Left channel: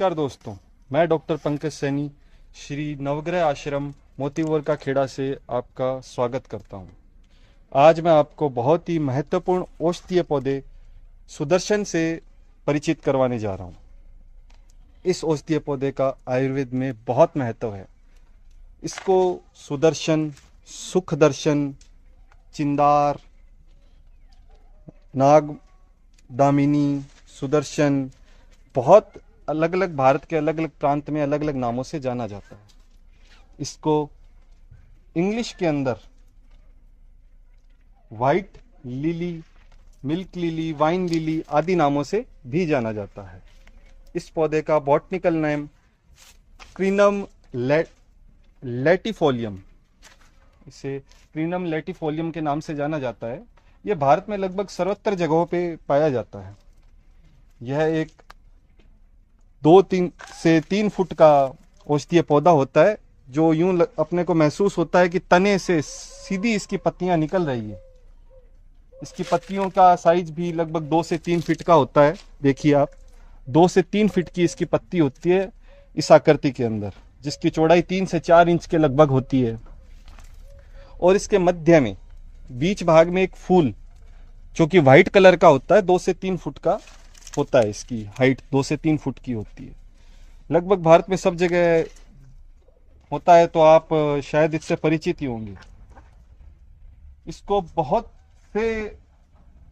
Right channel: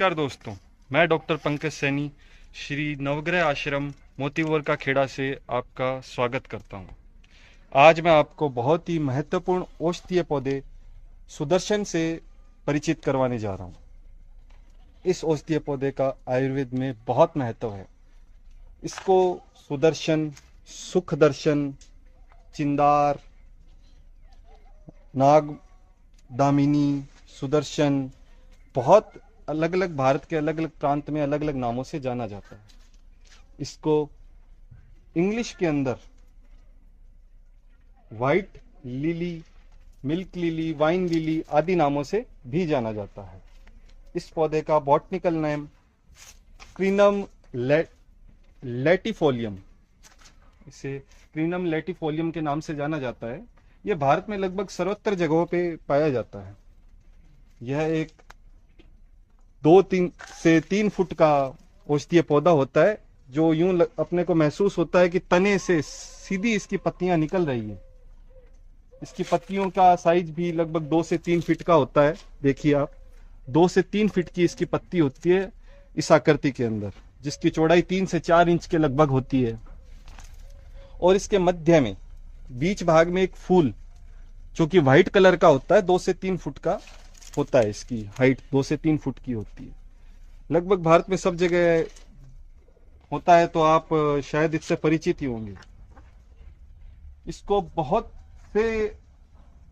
नमस्कार दोस्तों, मैं डॉक्टर पंकज सैनी श्री नवग्रह आश्रम मोतीवर का खेड़ा से आपका स्वागत करता हूं। आज मैं आपको बहुत ही महत्वपूर्ण औषधीय पौधे सुदर्शन से परिचित करवाने जा रहा हूं। इस औषधीय पौधे का आयुर्वेद में बहुत महत्व है। इसको सुदर्शन, सुख दर्शन, चिंदार, नाग दामिनी, सुदर्शन, बहुत अलग अलग भारत के अलग अलग प्रांत में अलग अलग नामों से जाना जाता है। इसको इंग्लिश के अंदर white lily, milk lily, wine lily आदि नामों से भी जाना जाता है। इस पौधे का बॉटनिकल नेम क्रीनम लैटिफोलियम, इसे क्रीनम लैटिफोलियम के नाम से जाना जाता है। यह भारत में लगभग सर्वत्र जगहों पे पाया जाता है। यह एक 2 से 3 फुट का औषधीय पौधा होता है, जो यूं अपने को महसूस होता है कि तने से सीधी इसकी पत्तियां निकल रही है। इसकी पत्तियों का साइज भी लगभग 2 से 3 फीट का होता है। देखिए आप, 2 से 3 फीट की इसकी पत्ती होती है इस आकृति के अंदर, जिसकी चौड़ाई 3 से 4 इंच के लगभग होती है। और इसके मध्य में बीच भाग में एक फूल जो कि व्हाइट कलर का होता है, 2 से 3 फुट का होता है। इसकी हाइट 2 से 3 फुट की होती है। लगभग भारत में सब जगह होता है, तो आप शायद इससे परिचित ही होंगे। इसको बहुत से,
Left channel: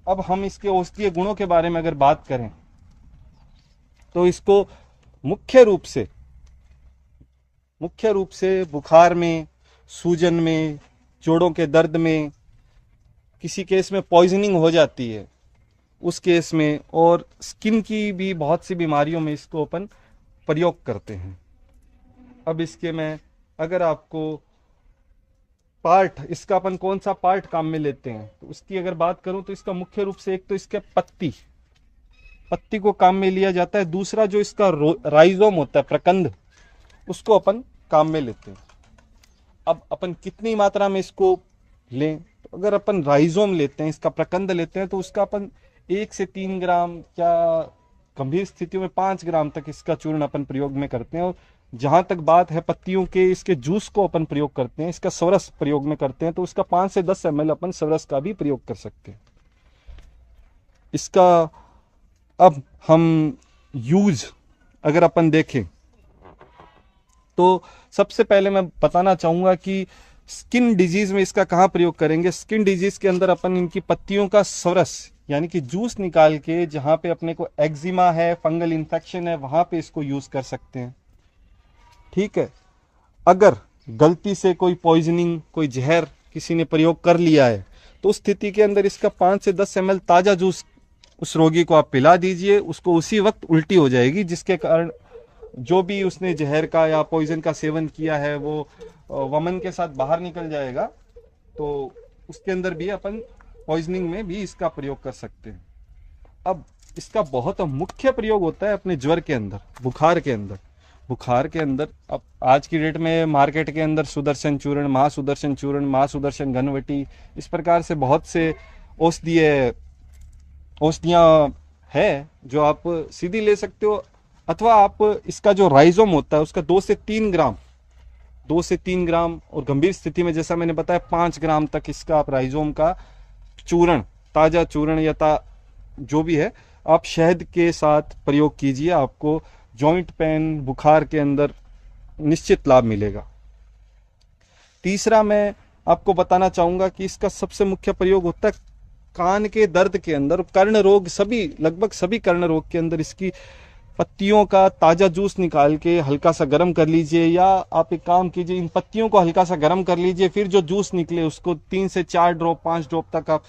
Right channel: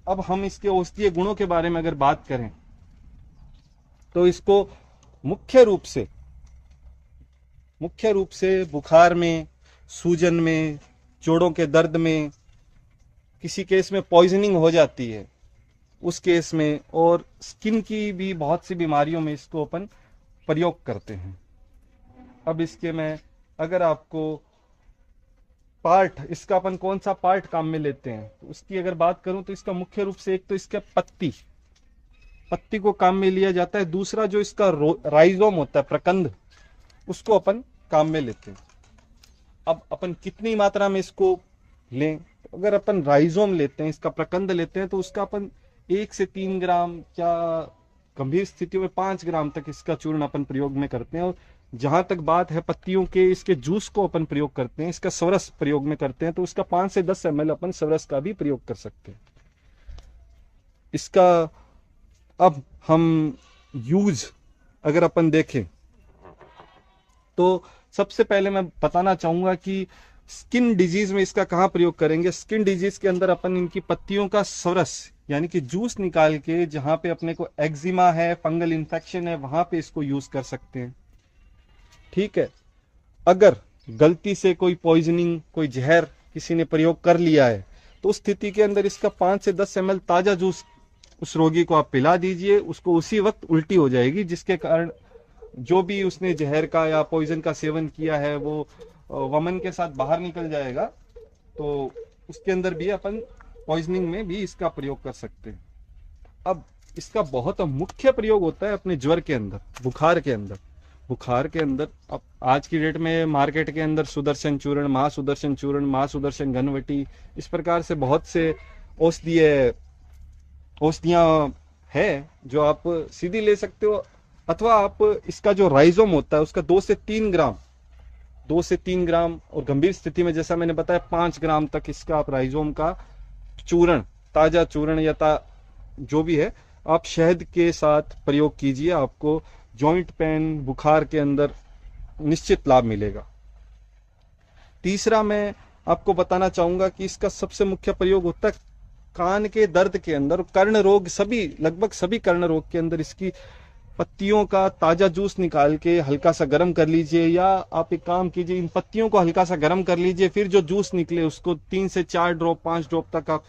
अब हम इसके औषधीय गुणों के बारे में अगर बात करें तो इसको मुख्य रूप से बुखार में, सूजन में, जोड़ों के दर्द में, किसी केस में पॉइजनिंग हो जाती है उस केस में, और स्किन की भी बहुत सी बीमारियों में इसको अपन प्रयोग करते हैं। अब इसके मैं अगर आपको पार्ट, इसका अपन कौन सा पार्ट काम में लेते हैं तो उसकी अगर बात करूं तो इसका मुख्य रूप से एक तो इसका पत्ती को काम में लिया जाता है। दूसरा जो इसका राइजोम होता है, प्रकंद, उसको अपन काम में लेते हैं। अब अपन कितनी मात्रा में इसको लें, तो अगर अपन राइजोम लेते हैं, इसका प्रकंद लेते हैं, तो उसका अपन 1 से 3 ग्राम या गंभीर स्थिति में 5 ग्राम तक इसका चूर्ण अपन प्रयोग में करते हैं। और जहां तक बात है पत्तियों के, इसके जूस को अपन प्रयोग करते हैं, इसका स्वरस प्रयोग में करते हैं, तो उसका 5 से 10 ml अपन स्वरस का भी प्रयोग कर सकते हैं। इसका अब हम यूज अगर अपन देखें तो सबसे पहले मैं बताना चाहूंगा कि स्किन डिजीज में इसका कहां प्रयोग करेंगे। स्किन डिजीज के अंदर अपन इनकी पत्तियों का स्वरस यानी कि जूस निकाल के, जहां पे अपने को एक्जिमा है, फंगल इन्फेक्शन है, वहां पे इसको यूज कर सकते हैं। ठीक है, अगर गलती से कोई पॉइजनिंग, कोई जहर किसी ने प्रयोग कर लिया है, तो उस स्थिति के अंदर इसका 5 से 10 ml ताजा जूस उस रोगी को आप पिला दीजिए। उसको उसी वक्त उल्टी हो जाएगी, जिसके कारण जो भी उसने जहर का या पॉइजन का सेवन किया है वो वमन के साथ बाहर निकल जाएगा। तो उसके अंदर भी अपन पॉइजनिंग में भी इसका प्रयोग कर सकते हैं। अब इसका बहुत मुख्य प्रयोग होता है अपने ज्वर के अंदर, बुखार के अंदर। अब आज की डेट में मार्केट के अंदर सुदर्शन चूर्ण, महासुदर्शन घनवटी, इस प्रकार से बहुत से औषधियां हैं जो आप सीधी ले सकते हो, अथवा आप इसका जो राइजोम होता है उसका 2 से 3 ग्राम, और गंभीर स्थिति में जैसा मैंने बताया 5 ग्राम तक इसका आप राइजोम का चूर्ण, ताजा चूर्ण या जो भी है, आप शहद के साथ प्रयोग कीजिए। आपको जॉइंट पेन, बुखार के अंदर निश्चित लाभ मिलेगा। तीसरा मैं आपको बताना चाहूंगा कि इसका सबसे मुख्य प्रयोग होता है कान के दर्द के अंदर, कर्ण रोग, लगभग सभी कर्ण रोग के अंदर इसकी पत्तियों का ताजा जूस निकाल के हल्का सा गर्म कर लीजिए, या आप एक काम कीजिए, इन पत्तियों को हल्का सा गर्म कर लीजिए, फिर जो जूस निकले उसको 3 से 4 ड्रॉप, 5 ड्रॉप तक आप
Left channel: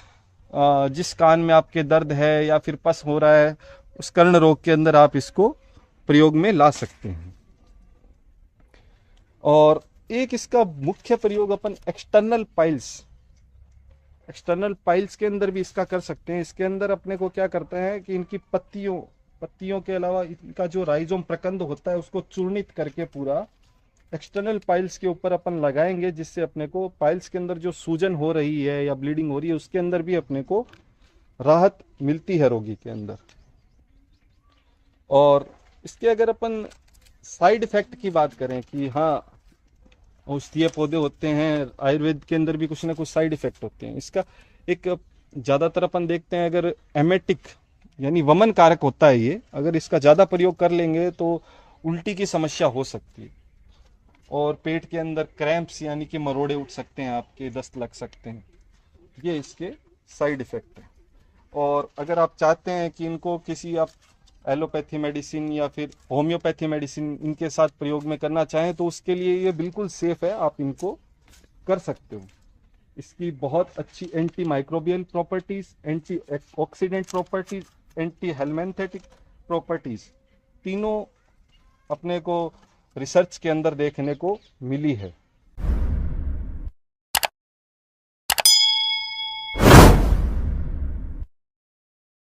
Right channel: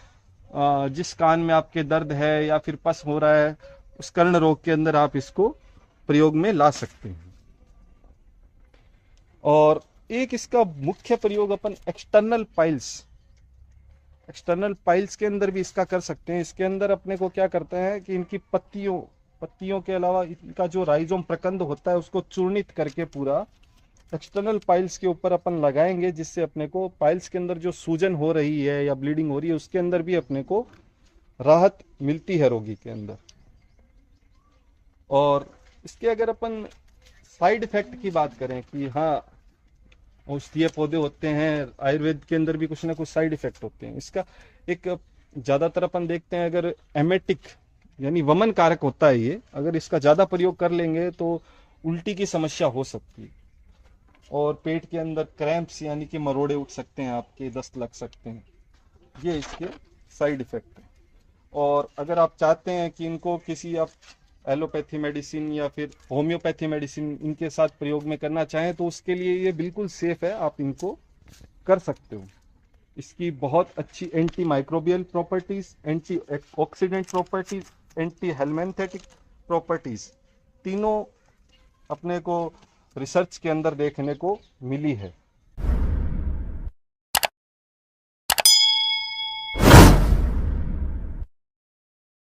जिस कान में आपके दर्द है या फिर पस हो रहा है उस कर्ण रोग के अंदर आप इसको प्रयोग में ला सकते हैं। और एक इसका मुख्य प्रयोग अपन एक्सटर्नल पाइल्स के अंदर भी इसका कर सकते हैं। इसके अंदर अपने को क्या करते हैं कि इनकी पत्तियों के अलावा इनका जो राइजोम प्रकंद होता है उसको चूर्णित करके पूरा एक्सटर्नल पाइल्स के ऊपर अपन लगाएंगे, जिससे अपने को पाइल्स के अंदर जो सूजन हो रही है या ब्लीडिंग हो रही है उसके अंदर भी अपने को राहत मिलती है रोगी के अंदर। और इसके अगर अपन साइड इफेक्ट की बात करें कि हाँ औषधीय पौधे होते हैं, आयुर्वेद के अंदर भी कुछ ना कुछ साइड इफेक्ट होते हैं। इसका एक ज्यादातर अपन देखते हैं, अगर एमेटिक यानी वमन कारक होता है ये, अगर इसका ज्यादा प्रयोग कर लेंगे तो उल्टी की समस्या हो सकती है, और पेट के अंदर क्रैम्प्स यानी कि मरोड़े उठ सकते हैं, आपके दस्त लग सकते हैं। ये इसके साइड इफेक्ट है। और अगर आप चाहते हैं कि इनको किसी आप एलोपैथी मेडिसिन या फिर होम्योपैथी मेडिसिन इनके साथ प्रयोग में करना चाहें तो उसके लिए ये बिल्कुल सेफ है, आप इनको कर सकते हो। इसकी बहुत अच्छी anti microbial properties, anti oxidant properties, anti helminthic properties, तीनों अपने को रिसर्च के अंदर देखने को मिली है।